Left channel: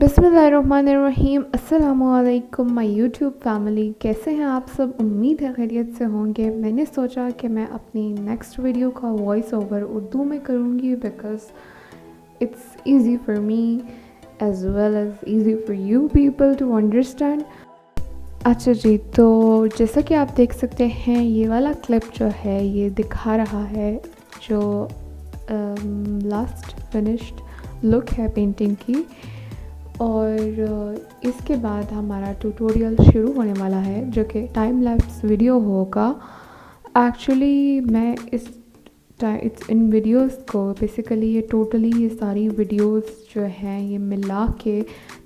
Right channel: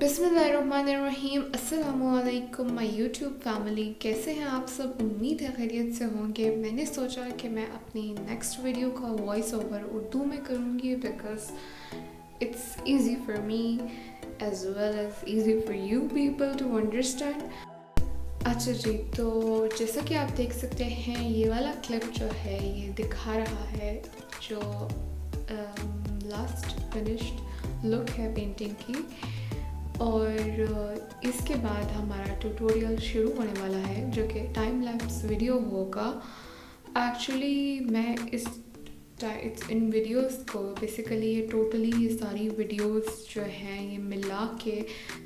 बिस्मिल्लाहिर्रहमानिर्रहीम। अस्सलामुअलैकुम my YouTube family, कैसे हैं आप सब? उम्मीद है खैरियत से होंगे। मैंने सोचा कि मैं अपनी नेक्स्ट वीडियो का वॉइस ओवर उर्दू में करूँगी because it's easy for me as well as easy for you people to understand. अच्छा जी, तो जैसा कि आप देख सकते हैं, ये वाला क्लिप जो है ये दिखा रहा है जो लास्ट फिनिश्ड लुक है पेंटिंग की। और इसके बाद हमारा ट्यूटोरियल शुरू होने वाला है जो कि टाइम लैप्स वीडियो होगा। एक्चुअली मैं इन वीडियोस को बेसिकली ये सारी वीडियोस जो हैं ये मिला के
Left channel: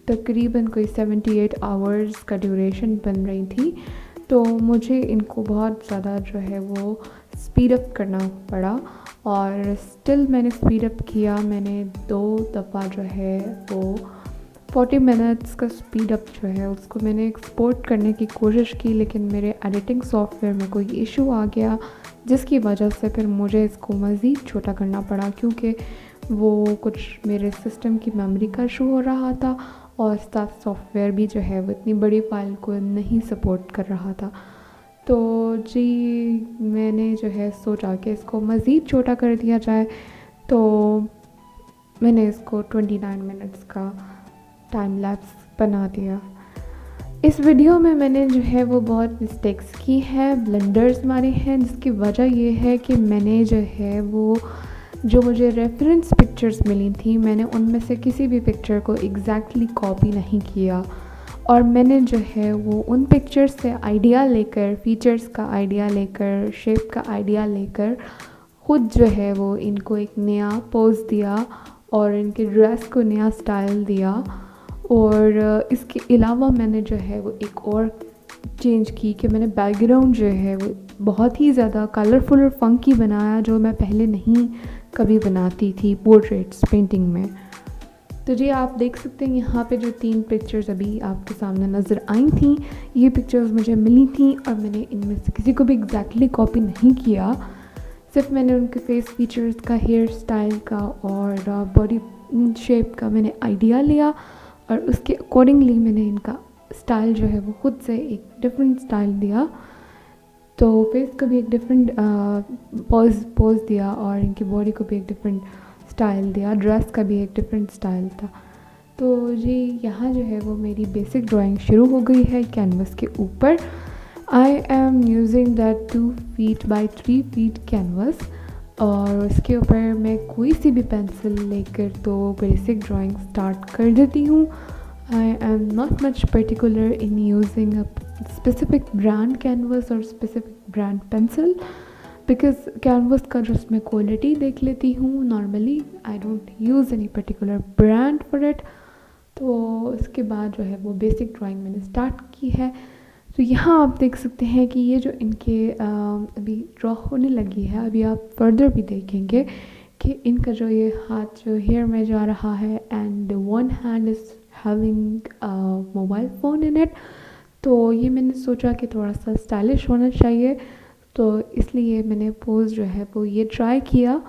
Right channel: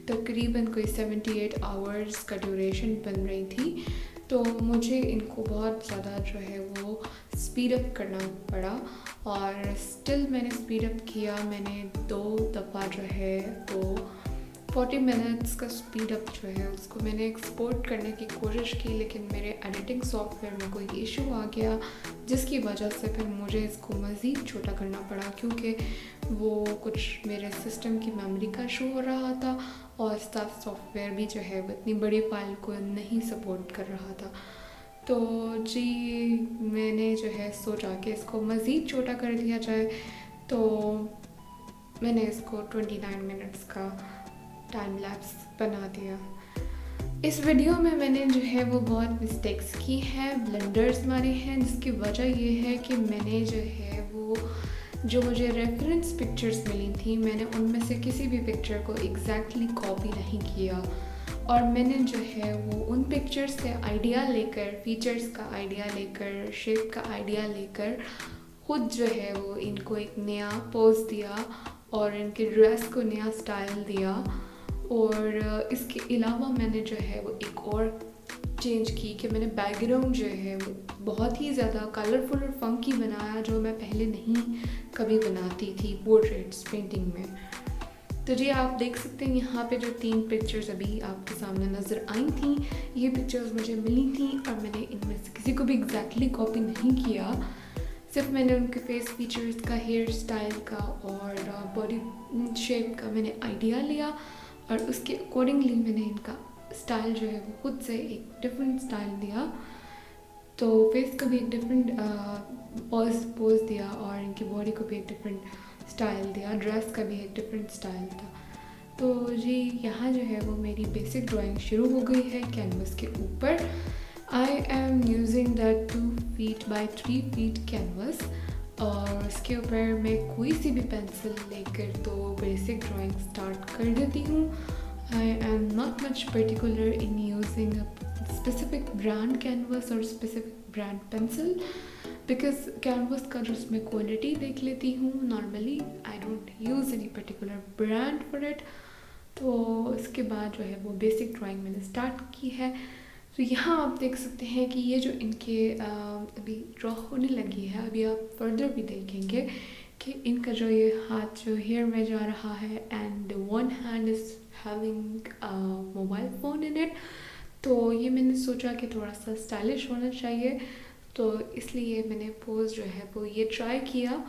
तकरीबन कोई 78 आवर्स का ड्यूरेशन बन रही थी। तो मुझे इनको बहुत ज़्यादा जो है वो स्पीड अप करना पड़ा और स्टिल मैंने स्पीड अप किया। मैंने 2 दफ़ा जो है वो 40 मिनट्स का स्पीड अप जो है उसको मैंने एक्सपोर्ट करने की कोशिश की, लेकिन मेरे एडिटिंग सॉफ्टवेयर में कोई इशू आ गया जिसकी वजह से फिर मुझे इसको मज़ीद छोटा करना पड़ा, क्योंकि वो कुछ मेरे सिस्टम की मेमोरी का इशू हो रहा था और साथ सॉफ्टवेयर भी जो है वो इतनी बड़ी फ़ाइल को नहीं सपोर्ट कर रहा था। तो जी, मैंने जो है सोचा कि इसको मज़ीद छोटा कर दिया जाए, तो मैंने इसको 29 मिनट्स का टाइम लैप्स बना दिया। इस वीडियो में मैंने जो है वो बहुत मिस्टेक्स की हैं, ब्लंडर्स मारे हैं, जिसकी वजह ये है कि मैंने जो है वो जो मुझे रेफरेंस पिक्चर्स मिली थी, मैंने उनमें से किसी भी पिक्चर को एग्जैक्टली कॉपी नहीं किया और मैंने जो है वो उन पिक्चर्स से आइडिया लेकर, फीचर्स का आइडिया लेकर, शेप का आइडिया लेकर खुद जो है वो इनको एक नया पोज दिया और इनके ड्रेस को नया स्टाइल दिया। और इसके अलावा मैंने जो है वो एक और चेंज की कि मैंने बैकग्राउंड जो है वो बहुत ही ज़्यादा कलरफुल और फंकी बनाया, जो मैं पहले नहीं कभी बनाती थी पोर्ट्रेट्स पेंटिंग में। तो जी, आप देख सकते हैं यहाँ पे जो 3 पिक्चर्स अभी आपके सामने नज़र आई थी, ये पिक्चर्स मुझे मिली थी और मैंने इनमें से किसी को भी एग्जैक्टली कॉपी नहीं किया। सिर्फ मैंने उनके फेस फीचर्स का, हेयर स्टाइल का और बॉडी शेप का मैंने आइडिया लिया और उसके अकॉर्डिंगली मैंने इनका स्टाइल जो है वो खुद से एक डिफरेंट स्टाइल दिया। तो फेस को भी एक डिफरेंट पोज दिया और इनकी बॉडी को भी एक डिफरेंट स्टाइल दिया, ड्रेस का भी एक डिफरेंट स्टाइल था। तो जी, यहाँ जो है वो मेरी बेसिक ड्राइंग शुरू हो गई है कैनवस के ऊपर। I am using that 2 feet by 3 feet canvas और उसके ऊपर मैं कोई सी भी पेंसिल लेकर तो बेसिक ड्राइंग स्टार्ट कर देती हूँ। I am not much particular in using a specific brand canvas और specific brand pencil, because canvas का जो मैं क्वालिटी देख लेती हूँ normally. I don't use any particular brand for it. तो उसके बाद जो है वो बेसिक ड्राइंग मैंने स्टार्ट की है। तो यहाँ आप देख सकते हैं कि ये जो इनके अभी ड्रॉ होने लगी है, अभी आप फर्दर भी देखेंगे कि इनका जो ये हाथ जो हेयर में जा रहा है and one hand is having mobile phone in it. तो ये मैंने सोचा कि थोड़ा सा स्टाइलिश होना चाहिए, तो इसलिए मैंने पोज जो है वो ये ट्राई किया।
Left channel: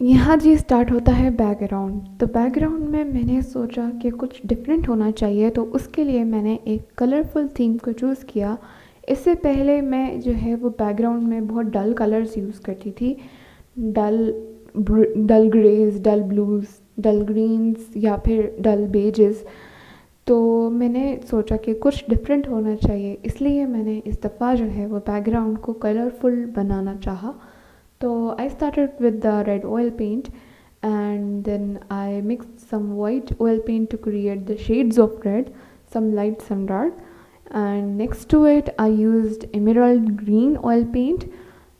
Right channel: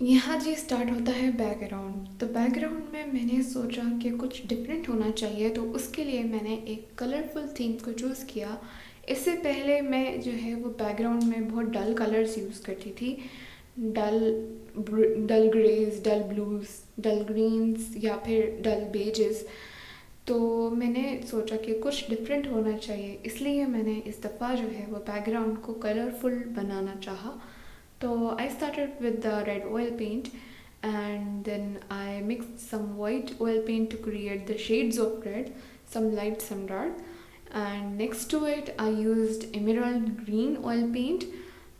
यहाँ जी स्टार्ट होता है बैकग्राउंड। तो बैकग्राउंड में मैंने सोचा कि कुछ डिफरेंट होना चाहिए, तो उसके लिए मैंने एक कलरफुल थीम को चूज़ किया। इससे पहले मैं जो है वो बैकग्राउंड में बहुत डल कलर्स यूज़ करती थी, डल डल ग्रेज, डल ब्लूज़, डल ग्रीन्स या फिर डल बेजेस। तो मैंने सोचा कि कुछ डिफरेंट होना चाहिए, इसलिए मैंने इस दफ़ा जो है वो बैकग्राउंड को कलरफुल बनाना चाहा। तो I started with the red oil paint and then I mixed some white oil paint to create the shades of red, some light, some dark. And next to it, I used emerald green oil paint,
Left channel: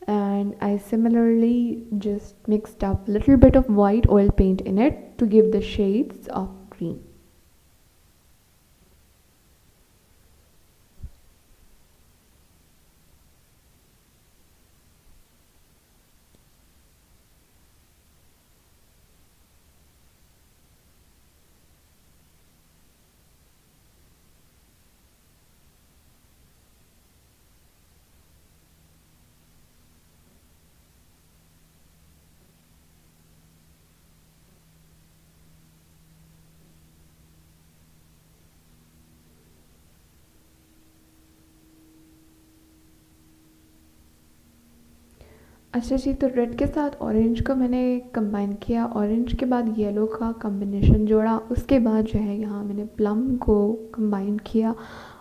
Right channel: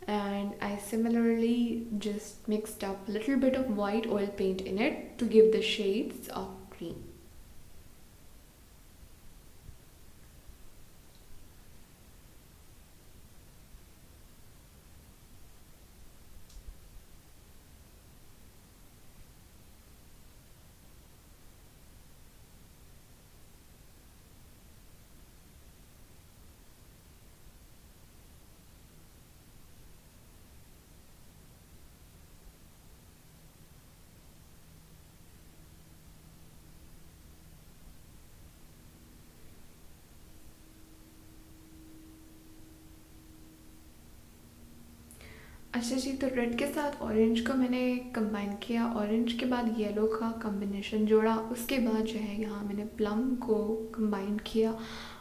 and I similarly just mixed up a little bit of white oil paint in it to give the shades of green. अच्छा जी, तो रेड के साथ ऑरेंज को मैंने कंबाइन किया, ऑरेंज के बाद येलो का कॉम्बिनेशन जोड़ा, उसके बाद जो है यहाँ मैंने प्लम को कंबाइन किया,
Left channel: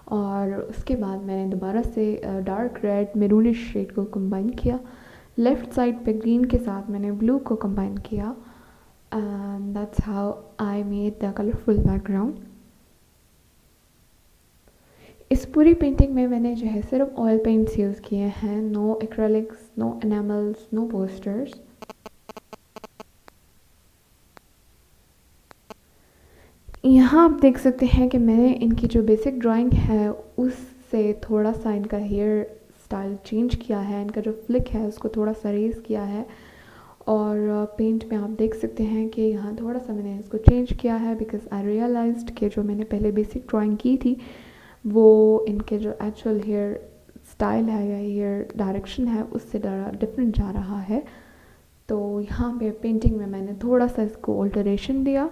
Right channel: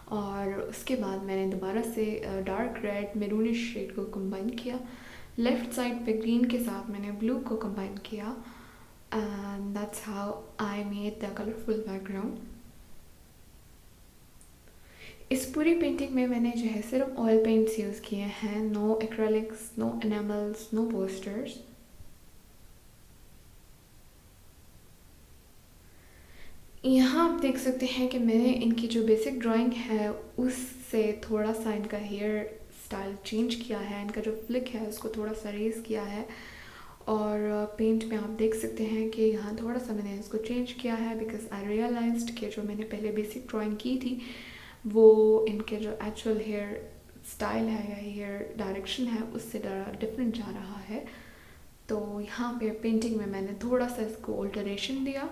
और उसके बाद मैंने दोबारा से डार्क रेड मेरूनिश शेड को कंबाइन किया। लेफ़्ट साइड पे ग्रीन के साथ मैंने ब्लू को कंबाइन किया, and that's how I made the colourful background. इस पूरी पेंटिंग में मैंने जो है सिर्फ ऑयल पेंट्स यूज़ किए हैं, no acrylics, no enamels, no posters. यहाँ आप देख सकते हैं कि मैंने इनकी जो बेसिक ड्राइंग है उससे थोड़ा सा इनका हेयर स्टाइल चेंज किया है, इनका जो फ्लिक है उसको थोड़ा सा रेज़ किया है, और पेंट में आप देख सकते हैं कि यहाँ थोड़ा सा मैंने इसको चेंज किया है, बिकॉज आई रियलाइज्ड कि जो मैंने पहले बेसिक ड्राइंग की थी वो इनके जो एक्चुअल हेयर स्टाइल है या हेयर डायरेक्शन है उससे डिफरेंट जा रहा है। तो यहाँ पे पेंटिंग में मैंने थोड़ा सा इसको ऑल्टरेशन दिया।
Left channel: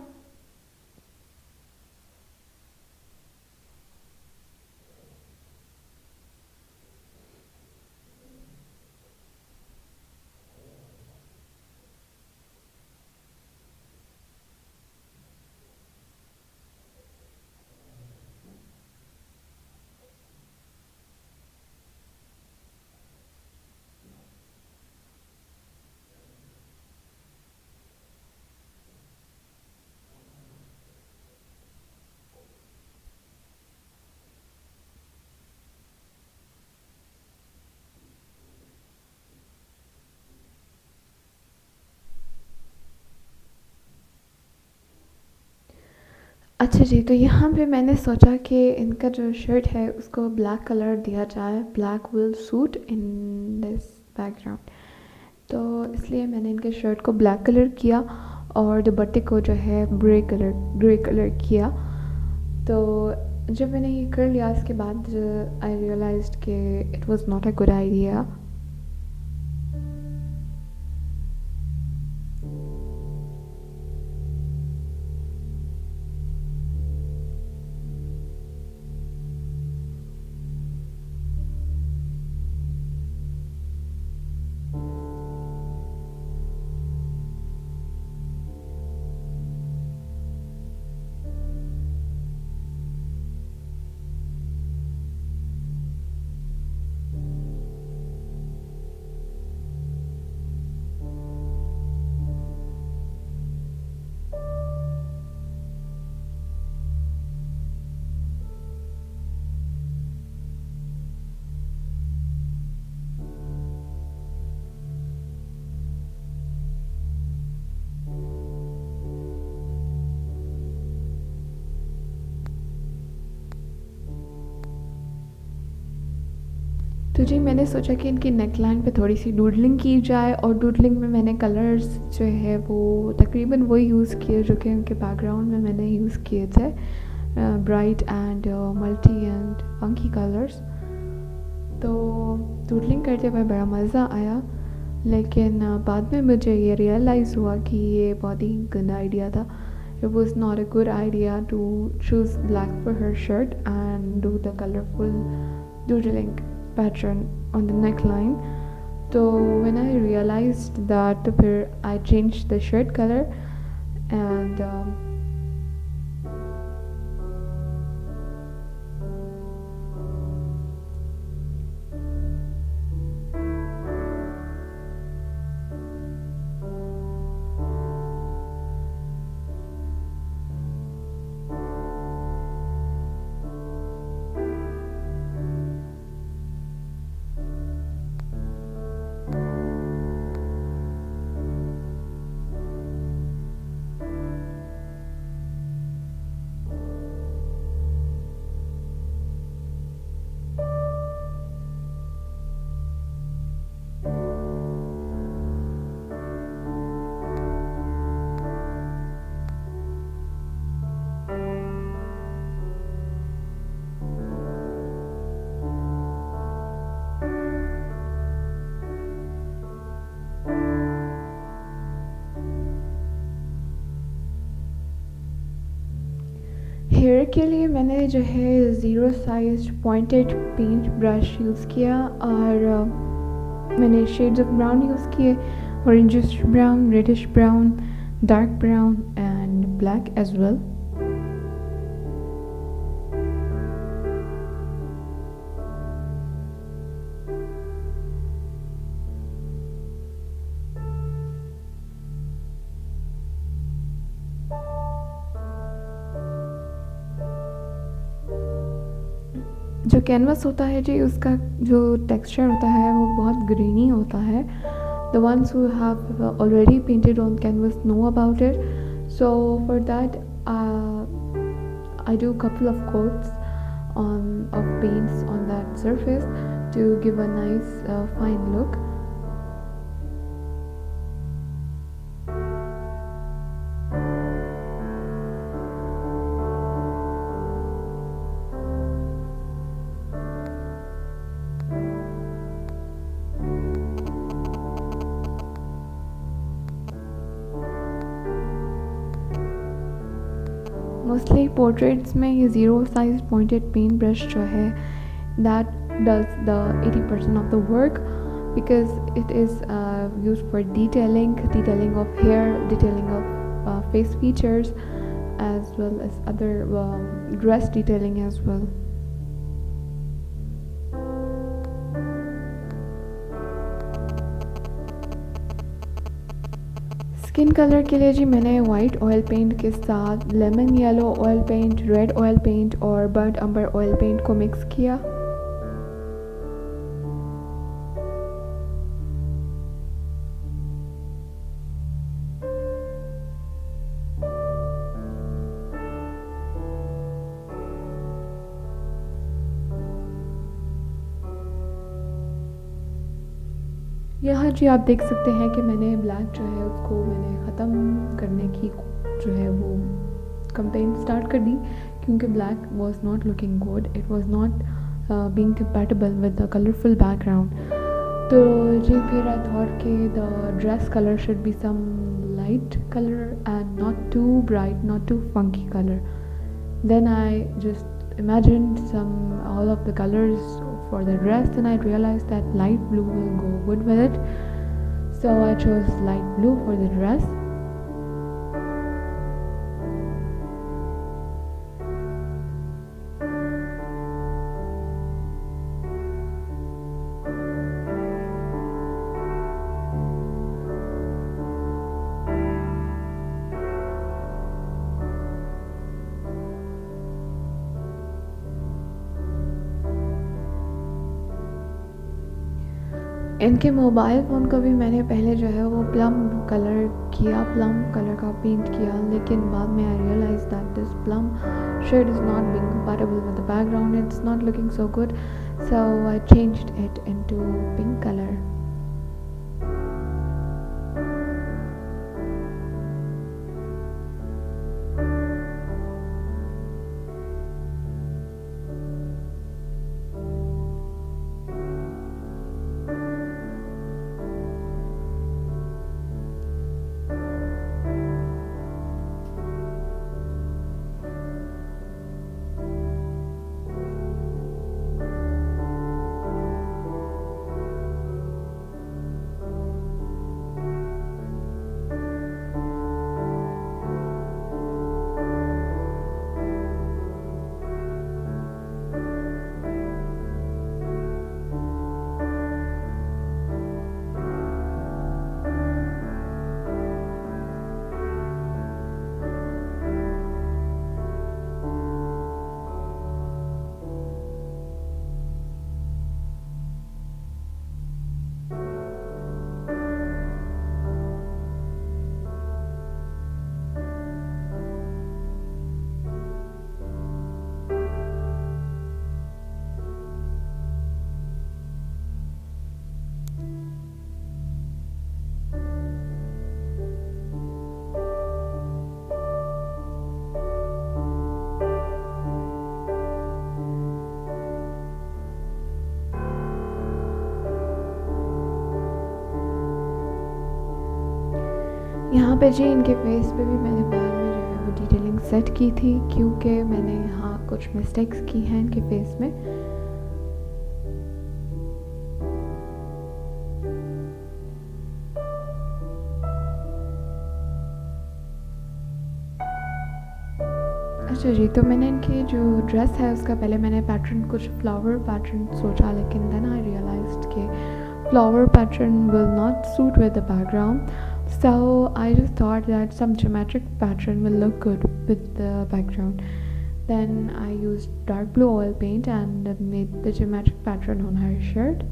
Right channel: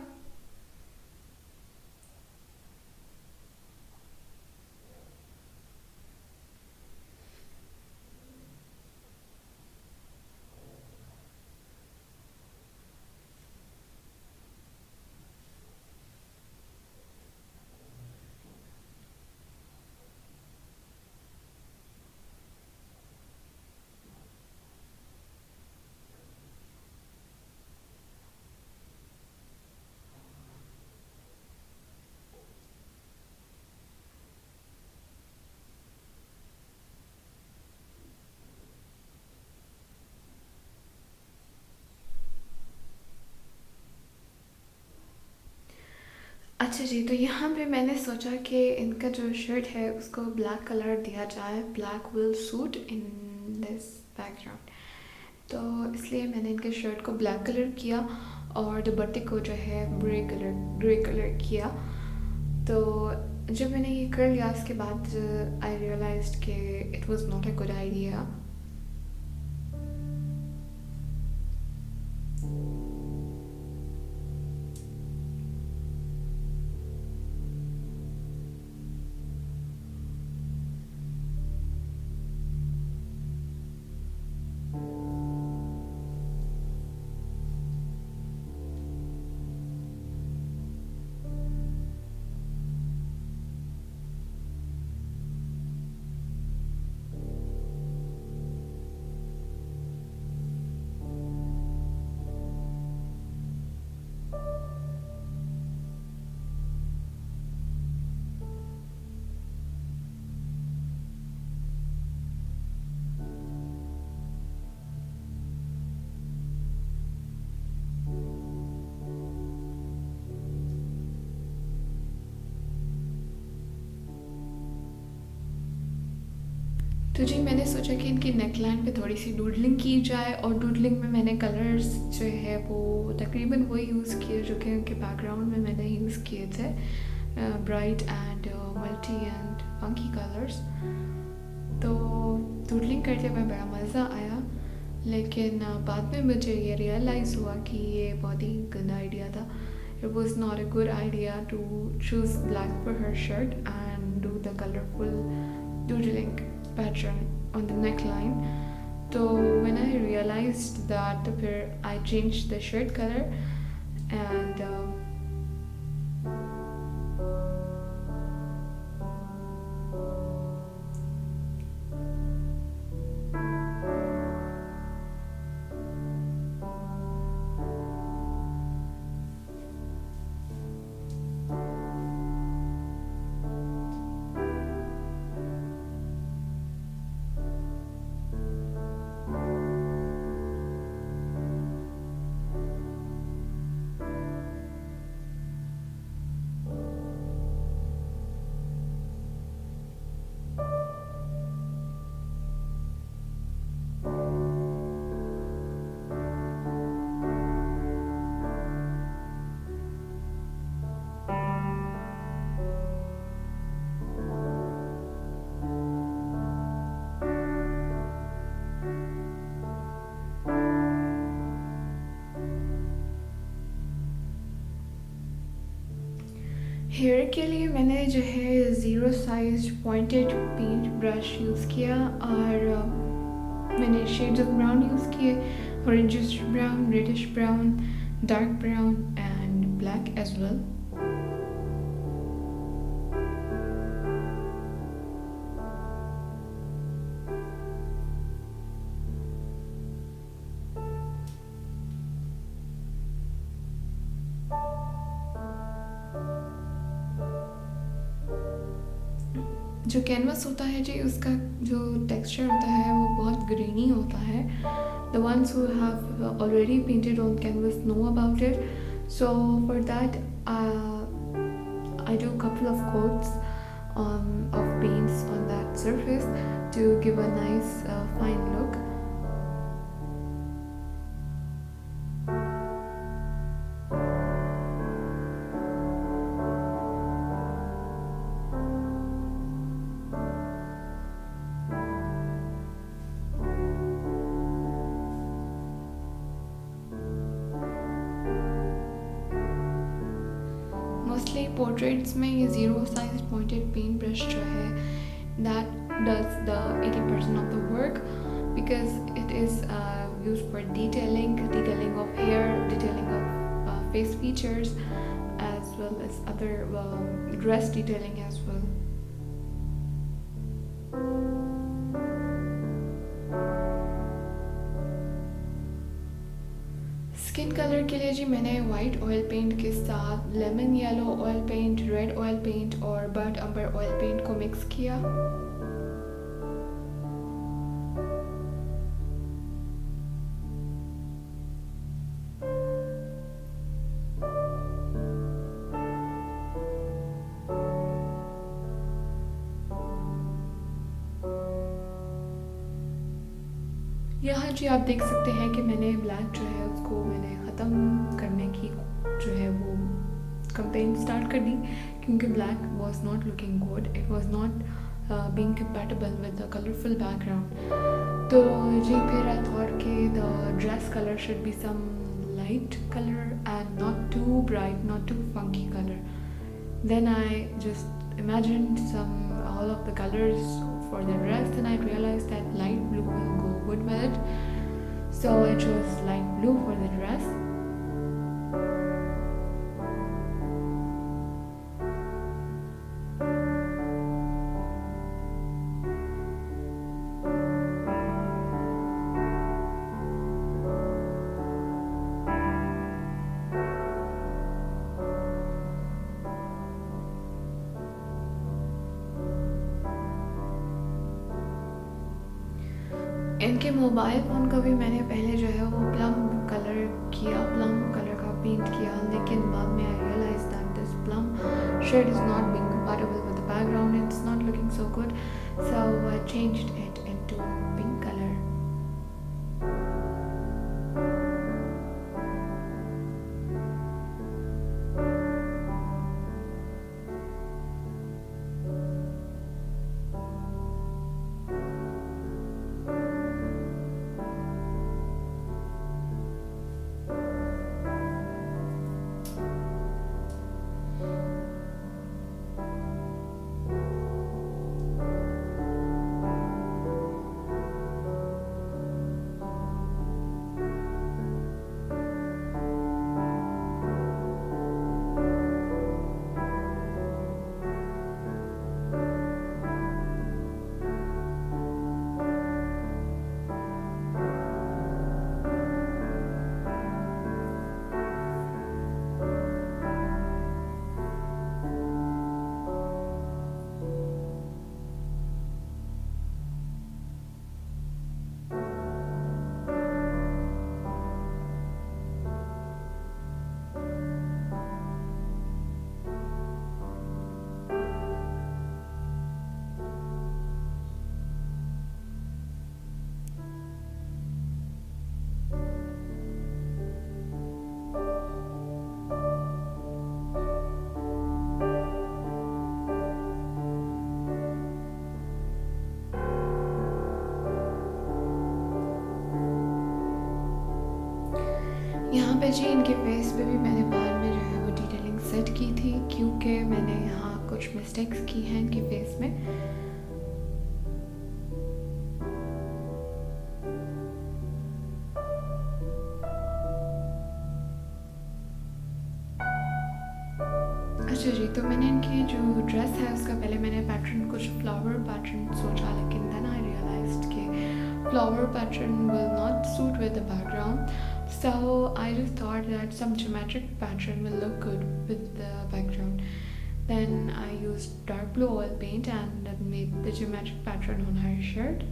अच्छा जी, तो यहाँ पे मैंने सोचा कि इनका जो शर्ट है उसको ब्लैक कलर दिया जाए, black will suit in this background. तो इसलिए मैंने इनके शर्ट को ब्लैक कलर किया और दुपट्टे को जो है ग्रे कलर किया। तो जब मैंने ये कर लिया इसके बाद आई रियलाइज्ड कि it was not a good idea. तो जी मैंने सोचा कि इनकी नेकलाइन पे थोड़ी सी डूडलिंग की जाए, और डूडलिंग में मैंने कलर्स जो है वो तकरीबन वही यूज़ किए जो कि उनके बैकग्राउंड में मैंने यूज़ किए थे, bright and multi and funky colours. तो डूडलिंग करते हुए बड़ा मज़ा आया, लेकिन बाद में मुझे ये रियलाइज़ हुआ कि ये बहुत ही गंदा आइडिया था। It was not a good idea to choose black for her shirt and do the colorful doodling pattern on the neckline. So when I realized that, तो फिर I changed the shirt color and hair के लिए मैंने जो है zero size pointed paint brush use किया और मैंने शेड्स ऑफ ब्राउन यूज़ किए, orangish brown, reddish brown, dark brown and black as well. जो कैनवस होता है जी, उसका जो टेक्सचर होता है वो बहुत ग्रीनी होता है. The ones who have already painted on canvas know about it. So for that, I do a couple of coats of paints on that surface to give a nice fine look. Mostly portraits में ये zero size pointed paint brush जो है that does the 80% of the work because it is used for detailing of hair, detailing of face features as well as other dress detailing as well. Skin colour के लिए जी मैंने white oil paint के साथ lemon yellow oil paint, red oil paint और burnt umber oil paint को mix किया. यहाँ जी आप देख सकते हैं कि मैंने ब्लैक जो है उसको मैंने ख़त्म करने की जो है वो कंपेन स्टार्ट कर दी क्योंकि black was not looking good, it was not being compatible with the colourful background. तो जी फिर आई थॉट कि the dress colour should be some light colour and not too bright, not too funky colour. Then I just imagined all of the colors for the dress and I realized that light blue will go good with it. So I chose light blue for the dress. इनके mobile phone को भी मैंने पहले जो है वो plum colour का पेंट किया, लेकिन बाद में I realise that this plum shade is not being compatible with the background, it's not looking so good, so I changed it into pink colour. यहाँ पे जी इनके फेस पे भी मैंने बाद में जो है वो डिटेलिंग सेट की थी, क्योंकि मैंने यहाँ कुछ मिस्टेक्स की हैं इनके फेस में। अच्छा जी, तो मैंने इनकी जो ड्रेस है उसका पहले मैंने पैटर्न कुछ फ्लावर पैटर्न सोचा, लेकिन देन आई रियलाइज्ड कि flower pattern will not suit with the background, so I just thought that some geometric pattern will look good with the background. Then I used dark blue oil paint and made the geometric pattern on her shirt.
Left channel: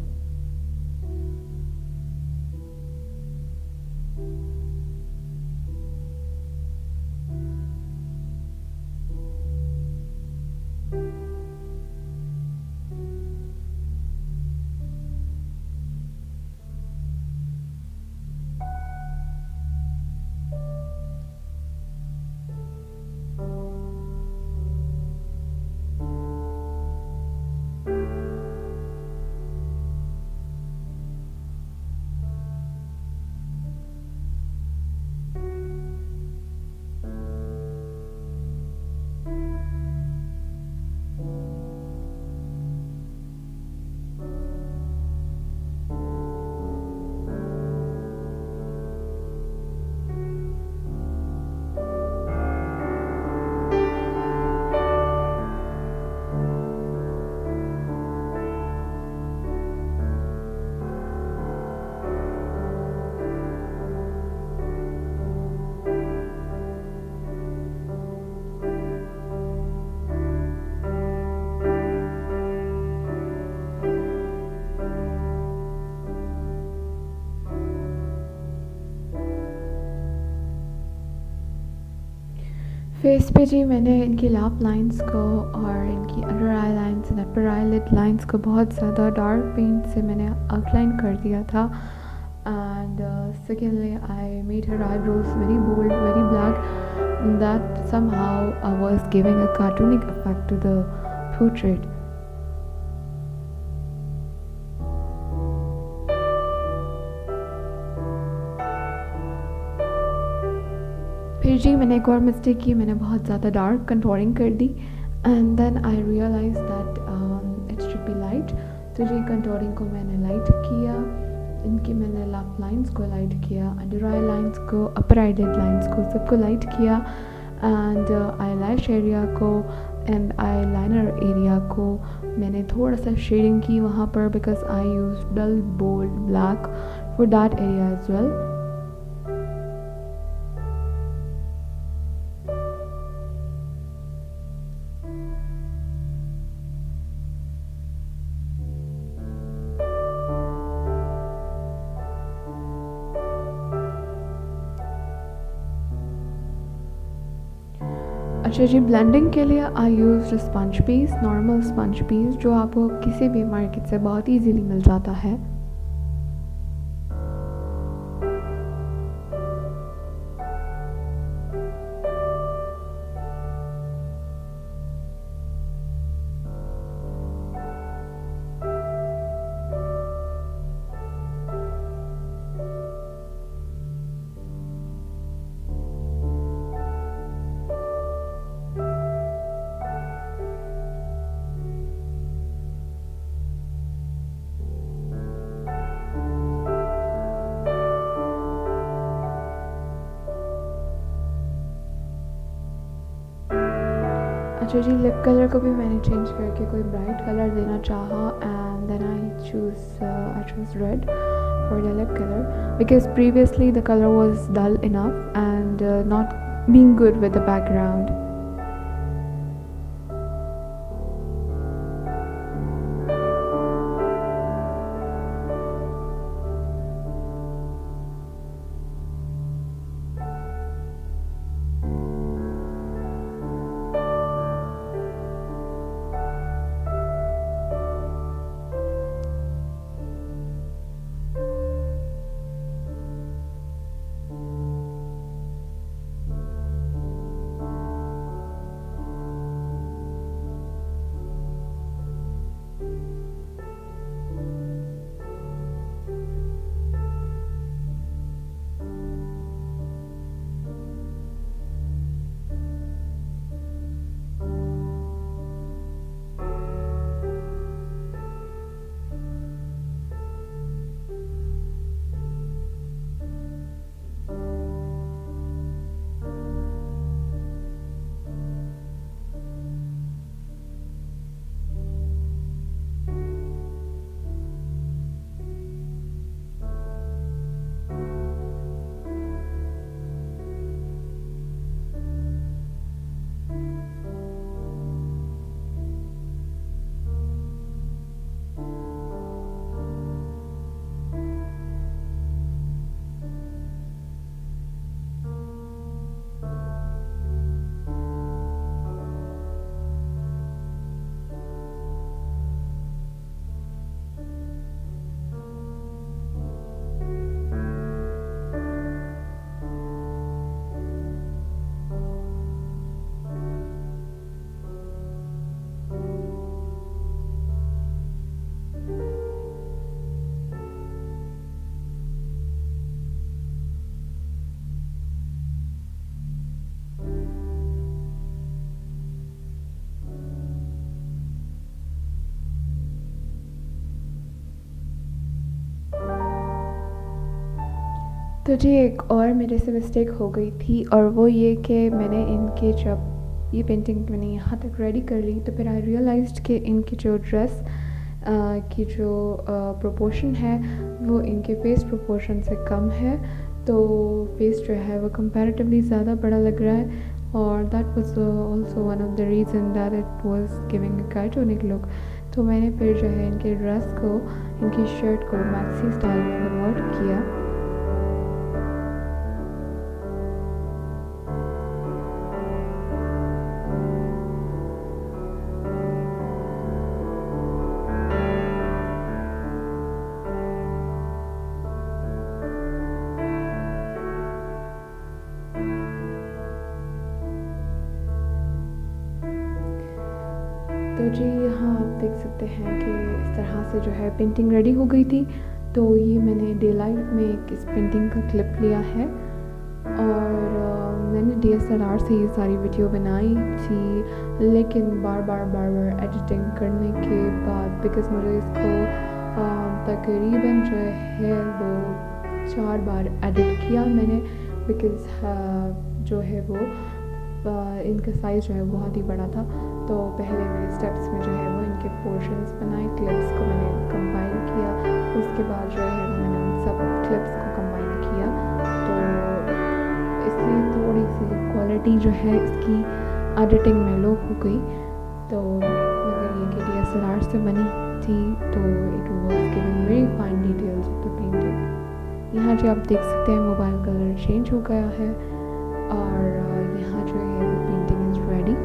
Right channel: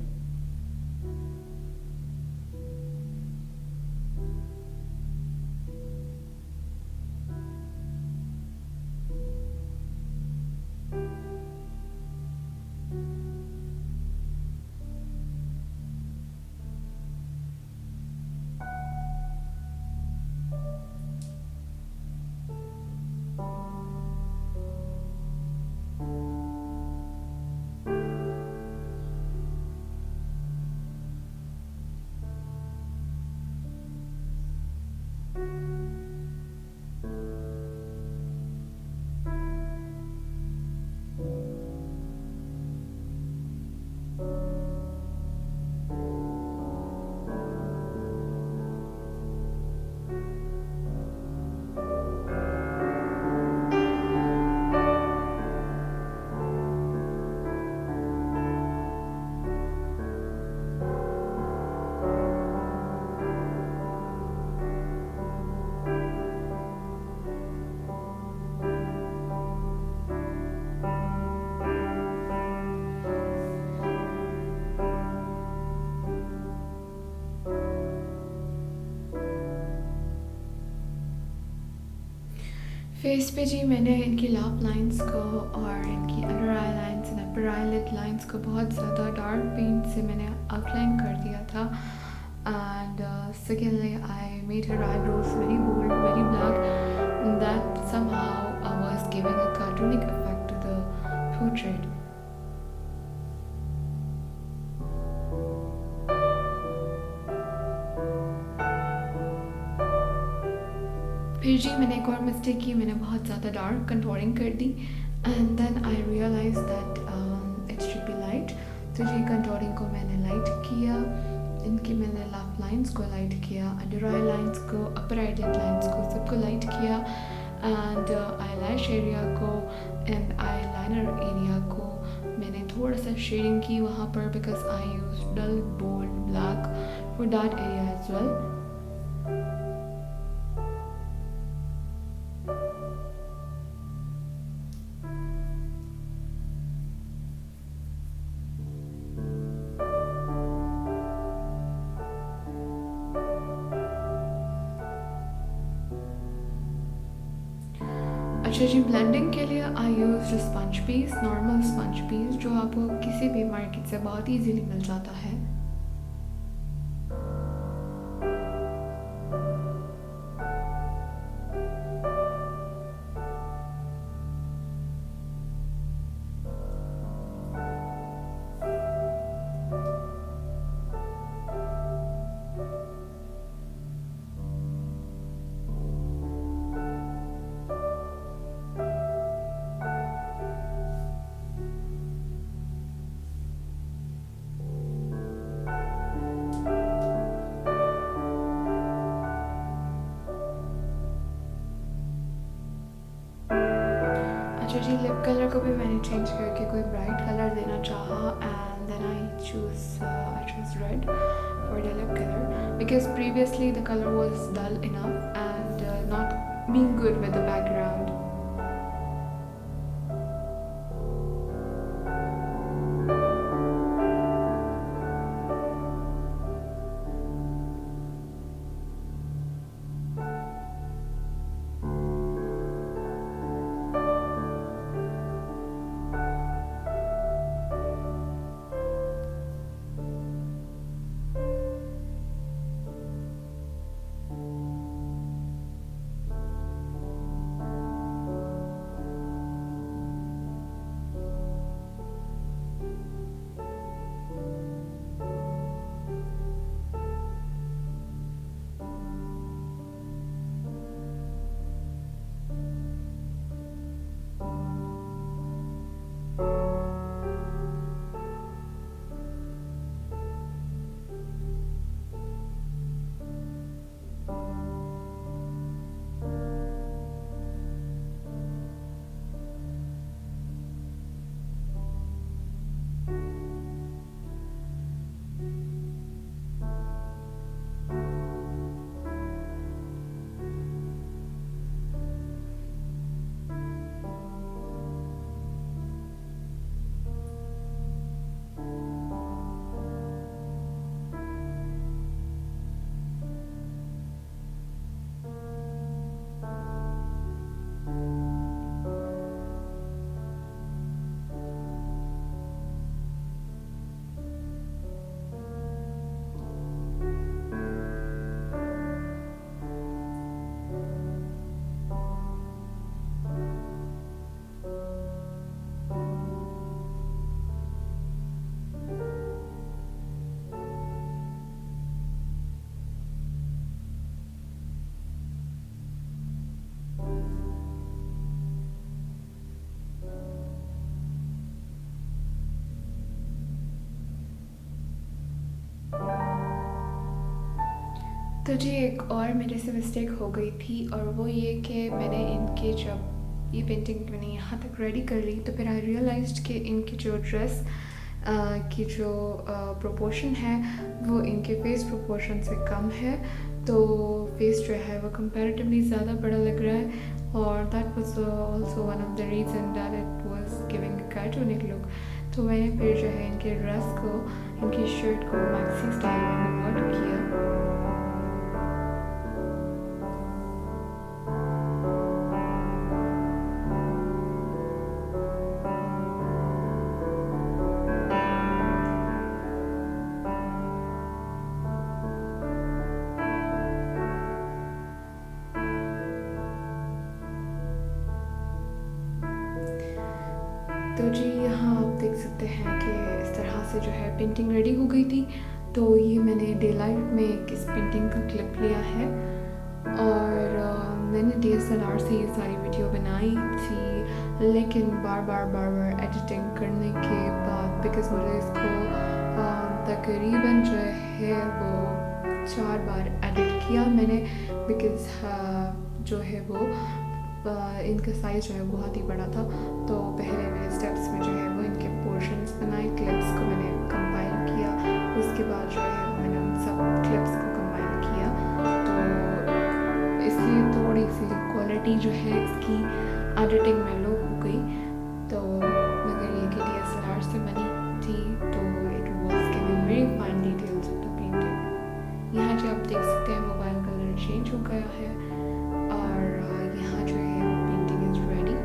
Face पे जी मैंने इनकी lip lines को और इनकी under eye lines and upper I lid lines को बहुत ज़्यादा डार्क पेंट से मैंने आउटलाइन कर दिया था। And secondly I made her eyebrows very bold, very black. That somehow was giving a cartoonic effect to the portrait. फिर जी मैंने एक और मिस्टेक की, मैंने बहुत ज़्यादा डार्क कंटूरिंग कर दी and then I realise that it should be light. तो जी कंटूरिंग को मैंने लाइट किया, इनकी मैंने लाफ लाइंस को लाइट किया, अंडर आई लाइंस को, अपर आई लिड लाइंस को, सबको लाइट किया एंड आई लैश एरिया को एंड आई लाइनर एरिया को मैंने थोड़ा सा शेडिंग की वहाँ पर, because I use dull bold black for that area as well. अच्छा जी, ब्लेंडिंग के लिए I use sponge piece, normal sponge piece जो आपको किसी भी मार्केट से बहुत इजीली मिल जाता है। अच्छा जी, लिप कलर को भी मैंने चेंज करके कोई ब्राइट कलर देना चाहा and then I choose red for the lip colour, because previously the colour was dull enough and not being good with the background. तो जी एक और मेरे से मिस्टेक हो गई थी, और वो ये कि मैंने इनके जब ये पेंटिंग मैंने यहाँ तक रेडी कर ली तो फिर आई रियलाइज्ड कि इनकी जो ड्रेस की जो प्रोपोर्शन है वो इनके फेस प्रोपोर्शन से कम है। तो फेस जो है वो कंपैरेटिवली ज़्यादा बड़ा लग रहा है, और that was also one of the reason that it was giving a cartoonic look. तो मैंने फिर जो है इनके ड्रेस को, इनकी शर्ट को मैक्सी स्टाइल में कन्वर्ट किया। तो जी यहाँ आप देख सकते हैं कि इस तरह से जो है पेंटिंग रेडी हो गई थी। तो ये मैंने डे लाइट में एक इस पेंटिंग का क्लिप लिया है, और मैंने DSLR से ये सारी वीडियो बनाई थी, लेकिन बार बार एडिटिंग करने के बाद बिकॉज़ मुझे इसको तकरीबन जो है वो 4 बार एडिट किया मैंने, बिकॉज़ जो है वो इनका साइज़ जो है बहुत ही बड़ा था। तो पहले मेरे स्टेप्स में जो है वो इनके पोर्शंस बनाए, क्लिप्स को मैंने कंबाइन किया, उसके बाद जो है मैंने उन सब क्लिप्स को कंबाइन किया। तो इसलिए थोड़ी सी क्वालिटी जो है इसकी एडिटिंग में लो हो गई। तो मगर ये कि DSLR से बनी थी तो it was giving very fine details of the painting. यहाँ जो आप देख सकते हैं मोबाइल कलर चेंज हो गया है, और यहाँ जो है वो painting is ready.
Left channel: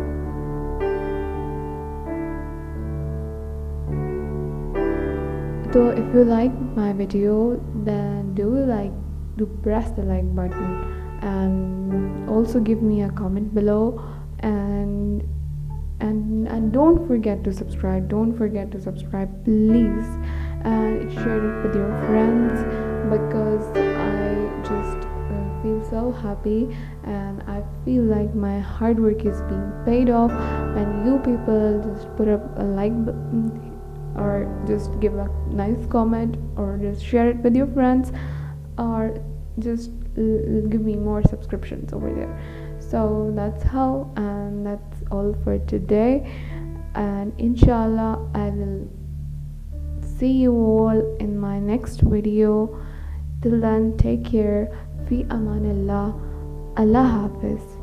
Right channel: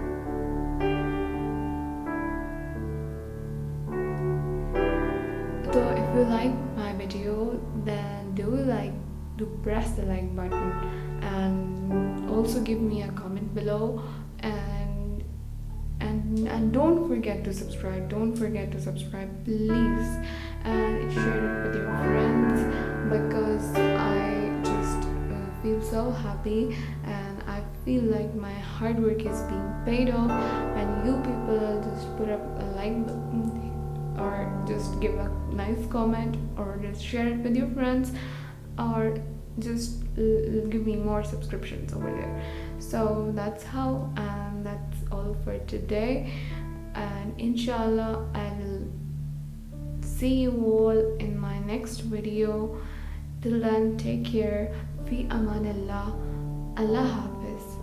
So if you like my video, then do press the like button, and also give me a comment below, and don't forget to subscribe. Don't forget to subscribe, please, and share it with your friends, because I just feel so happy, and I feel like my hard work is being paid off when you people just put up a like button, or just give a nice comment, or just share it with your friends, or just give me more subscriptions over here. So that's how, and that's all for today, and inshallah I will see you all in my next video. Till then, take care. Fi amanillah. Allah Hafiz.